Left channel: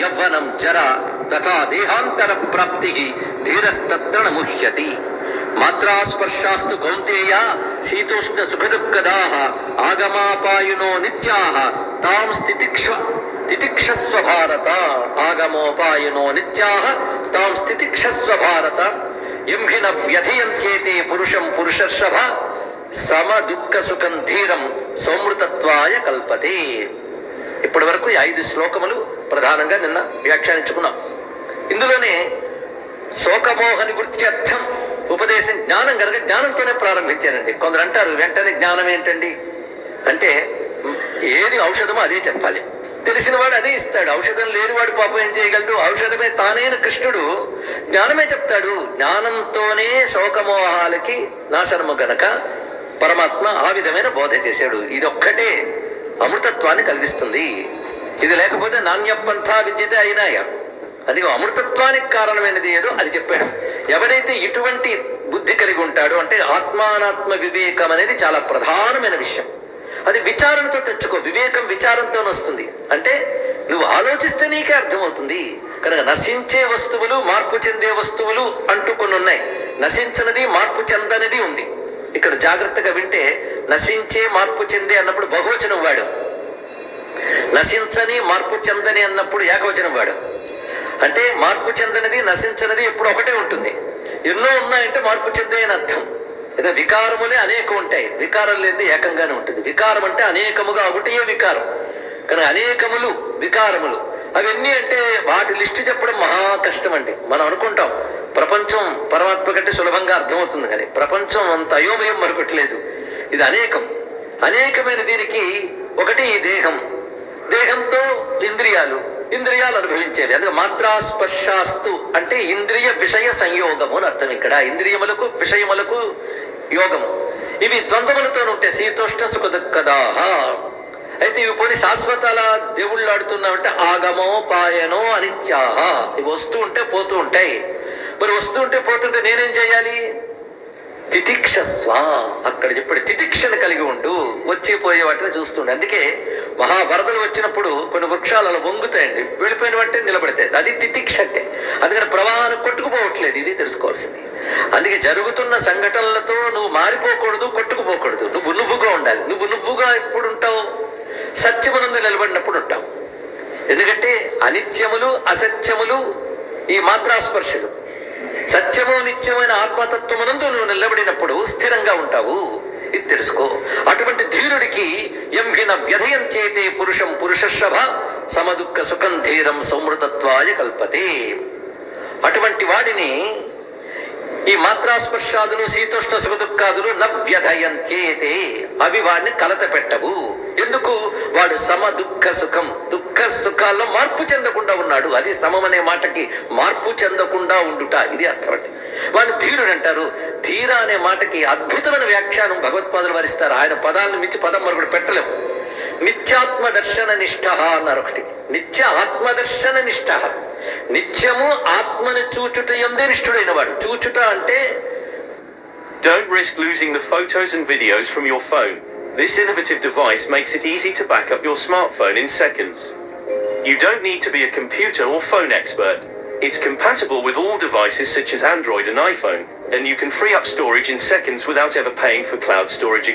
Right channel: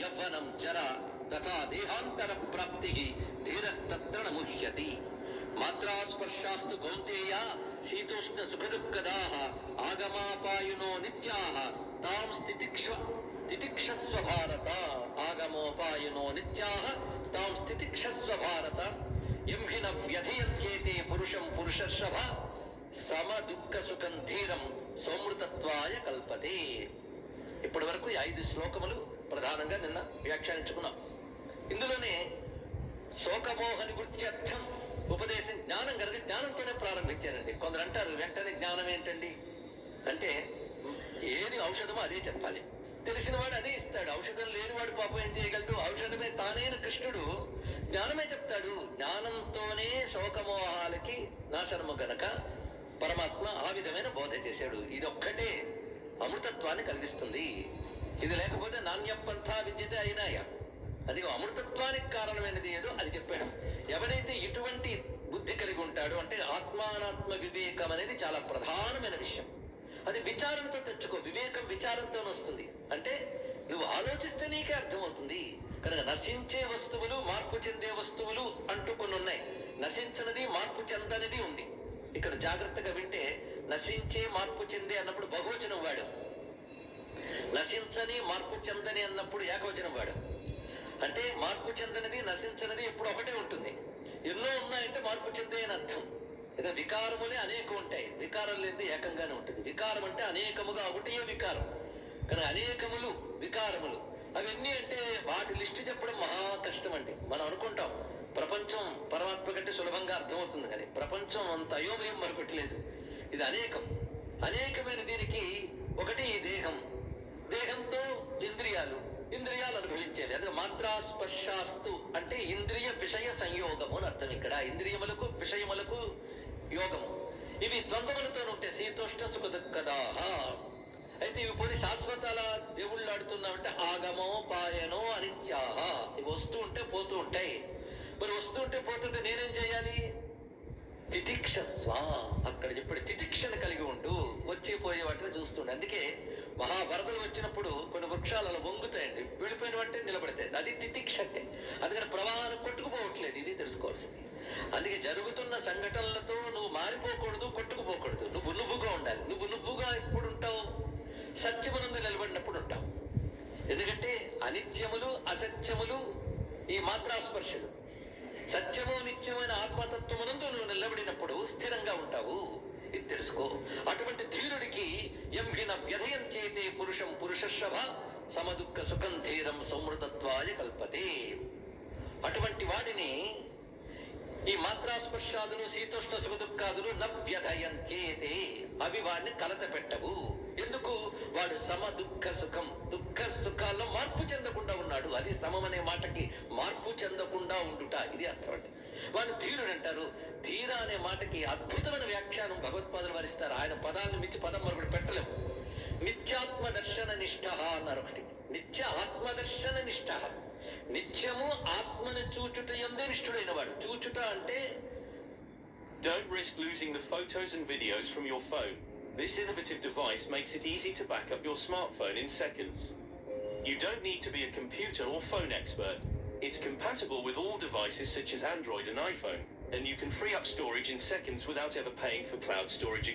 యవ్వనం జర తథా దేహాంతర ప్రాప్తి ధీరస్తత్ర న ముహ్యతి. మాత్రాస్పర్శాస్తు కౌంతేయ శీతోష్ణ సుఖదుఃఖదాః ఆగమాపాయునో నిత్యాః తాం తితిక్షస్వ భారత. ఆగమోపాయునో నిత్యాః తాం తితిక్షస్వ భారత. యం హి న వ్యథయంత్యేతే పురుషం పురుషర్షభ సమ దుఃఖ సుఖం ధీరం సౌమృతత్వాయ కల్పతే. ఇప్పటి వరకు 5 శ్లోకములు ప్రధానంగా నిన్న వ్యాఖ్యానించుకున్నాం. ఇందులోనే శోకమోహ నివృత్త్యర్థం ఉపదేశం జ్ఞానం కనుక జ్ఞానంతోనే ప్రారంభించారండి. కొందరు అంటారు వెంటనే జ్ఞానం ఏంటండి అంటే, ఏది ఔషధమో అదే చెప్పాలి, తెలిసినవాడు అదే ఇస్తాడు. ఔషధం లేనివాడు పాపం ఏం చేయగలడు? ఔషధమే తానైన కృష్ణుడు జ్ఞానమే చెప్తాడు. జ్ఞానంతోనే శోకమోహాలకి నాశనము గనక పరమాత్మ ఆ విధమైన బోధ చేశాడు. ఇదొక్కటే అమృతత్వాన్ని కలిగిస్తుంది. ఇది లేకపోతే నాణ్యపంథా విద్యతే అయినాయ. అది అమృతత్వానికి కారణమైనది ఏదో అది చెప్పాడు. ఎవరైతే ఇటువంటి బుద్ధి కలిగి ఉంటాడో అంటే ఆత్మానాత్మ వివేకం అనేది చాలా ప్రధానమైన విషయం. అది విచారణతో తెచ్చుకో. వివేకం విచారంతో వస్తుంది. అంటే నువ్వు ఆలోచిస్తే నీకే అర్థమవుతుంది. కనుక నశించే వస్తువులు, మార్పు చెందే వస్తువులు అంటూ కొన్ని ఉన్నాయి. నశించనిది, మార్పు చెందనిది ఉంది. ఇక్కడ జాగ్రత్తగా వింటే నశించే, మార్పు చెందే అన్నప్పుడు బహువచనం వాడు, నశించని, మార్పు చెందని అన్నప్పుడు ఏకవచనం వాడు. అంటే మార్పు చెందనిది, నశించనిది ఎప్పుడు ఒకటే ఉంటుంది. ఎన్నో ఉన్నాయంటే మార్పు చెందే అని అర్థం. ఏదో వికారములే అనేకం ఉంటాయి, వికారం లేనిది ఏకంగానే ఉంటుంది. వికారం అంటే అనేకముగా ఒకటే వికారం. కానీ అనేకములు వికారములు అవన్నీ అంటే వాటి లిస్టు చెప్పడం మహా కష్టం అండి. మనం అనుకుంటాం ప్రపంచం పరమాత్మ కంటే సులభంగా అర్థమవుతుంది, కానీ ప్రపంచం అంత అయోమయం మరొకట్లేదు. ఇది అనేకం. అనేకమైన దీనికి ఒకటి ఈ దేహం, దేహంతో ఇంద్రియాలు, ఇంద్రియాలు అనుభవించేవి. అందుకే మాత్రాస్పర్శాస్తు అంటే ఇంద్రియ విషయ సంయోగము అని అర్థం. ఇక్కడ ఇంద్రియములకు విషయములకు యోగము. ఇవి ద్వంద్వములతో ఉంటాయి. శీతోష్ణ సుఖ దుఃఖదాః. అయితే ఇవి పోనీ శాశ్వతాల దేవుళ్ళు ఆడుతున్నామంటే ఆగమో పాయనో అనిత్యాః. ఇవి వస్తూ ఉంటే పోతూ ఉంటాయి. మరి వస్తూ ఉంటే పోతుంటే నేనేం చేయాలి? తితిక్షస్వ. అక్కడ చెప్పాడు తితిక్షను కలిగి ఉండు. వచ్చి పోయే వాటిని చూస్తుండే. అందుకే మహావరదలు వచ్చినప్పుడు కొన్ని వృక్షాలు అలా వంగుతాయండి, వెళ్ళిపోయిన వాటిని నిలబడతాయి. అది తితిక్ష అంటే. అందుకని ప్రవాహాన్ని కొట్టుకుపోవట్లేదు. ఇది తెలుసుకోవాల్సింది. అందుకే జరుగుతున్న సంఘటనలతో నువ్వు మారిపోకూడదు, కొట్టుకుపోకూడదు. నువ్వుగా ఉండాలి. నువ్వుగా ఎప్పుడు ఉంటావు? సత్యమునందు నిలబడినప్పుడు ఉంటావు. ఎందుకంటే అనిత్యములు, అసత్యములు ఈ మాత్రాస్పర్శలు. సత్యము నిత్యమైన ఆత్మతత్వమునందు నువ్వు నిలబడినప్పుడు స్థిరంగా ఉంటావు. ఇది తెలుసుకో. అటువంటి ధీరుడికి యం హి న వ్యథయంత్యేతే పురుషం పురుషర్షభ సమదుఃఖ సుఖం ధీరం సౌమృతత్వాయ కల్పతే. అటువంటి వాడిని ఈ మాత్రాస్పర్శాదులు, శీతోష్ణ సుఖ దుఃఖాదులు న వ్యథయంత్యేతే, అవి వాడిని కలత పెట్టవు. ఎందుకు? వాడు సమ దుఃఖ సుఖం, దుఃఖ సుఖాల్లో మార్పు చెందకుండా ఉన్నాడు. అది సమం అనే మాటకి మార్పు చెందకుండా ఉండుట, ఇది అర్థం. అంటే వాడిని ధీరుడు అంటారు. ధీర అనే మాటకి అద్భుతమైన వ్యాఖ్యానం భగవత్పాదులు వారిస్తారు. ఆయన పదాలను మించి పదం మరొకటి పెట్టలేము. నిత్యాత్మ దర్శన నిష్ఠ అన్నారు ఒకటి. నిత్య ఆత్మదర్శన నిష్ఠ. నిత్యము ఆత్మని చూచుట యందే నిష్ఠుడైన వాడు. చూచుట అంటే Don't risk losing the photos and videos from your phone. This innovative device makes it easy to back up your smartphone in seconds. You don't need to be a computer or phone expert. It's compatible with all devices such as Android and iPhone, and you can free up storage in seconds without ever paying for cloud storage again.